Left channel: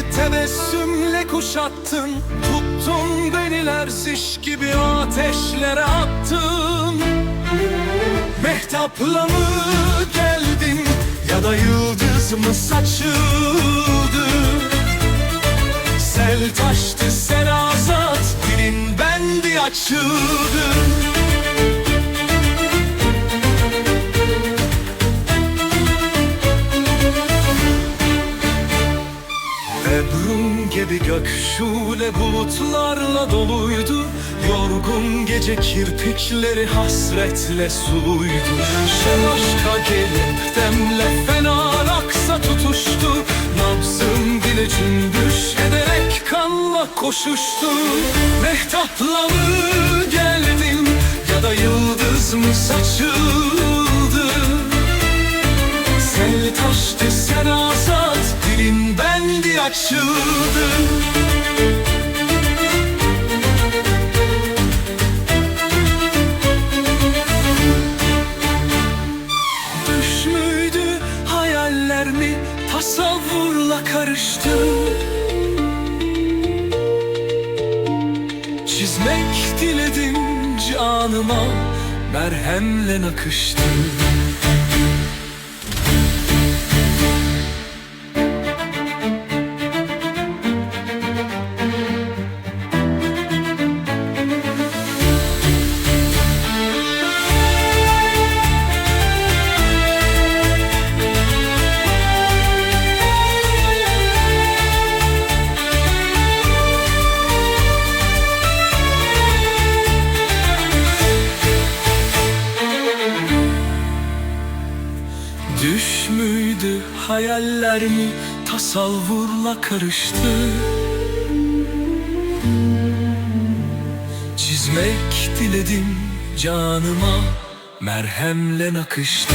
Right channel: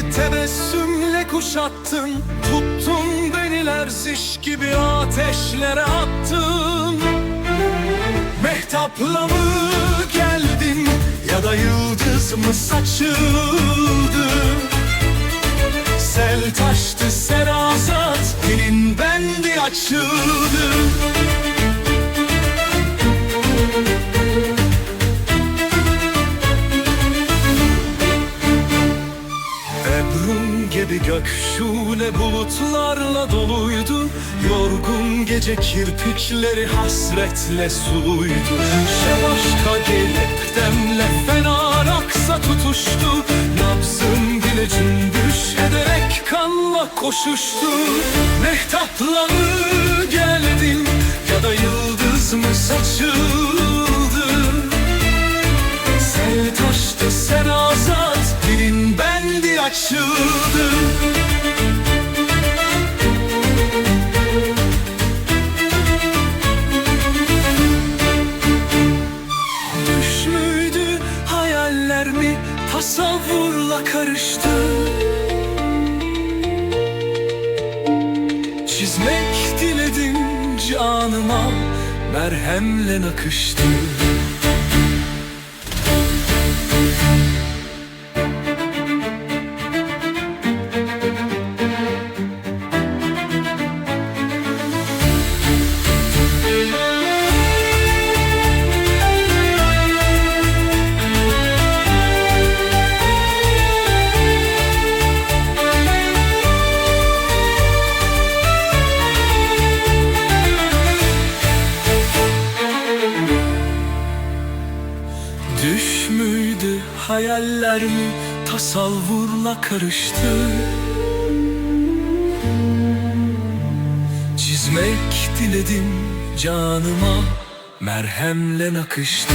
tebessümle kuşattın Tuttun beni lerziş gibi ateşlere attın. Mehtapla mı geldin ya da yıldız mı saçıldı? Sel taştı serazat dilin bendi açıldı gibi gök şule bulutlarla doluydu. Yorgun gece kirpikleri hasretle suluydu. Şevaşka gelip demle fenar aksa tutuştu. Nabzım bile cümbüş ederek kanla koşuştu. Mehtapla mı geldin ya da yıldız mı saçıldı Taştı serazat Dilin bendi açıldı. Düş müydü hayaller mi? Tasavvurla karıştı. Çizmek diledim canıma. Merhemle nakıştı Düş müydü hayaller mi? Tasavvurla karıştı. Çizmek diledim canıma merhemle nakıştı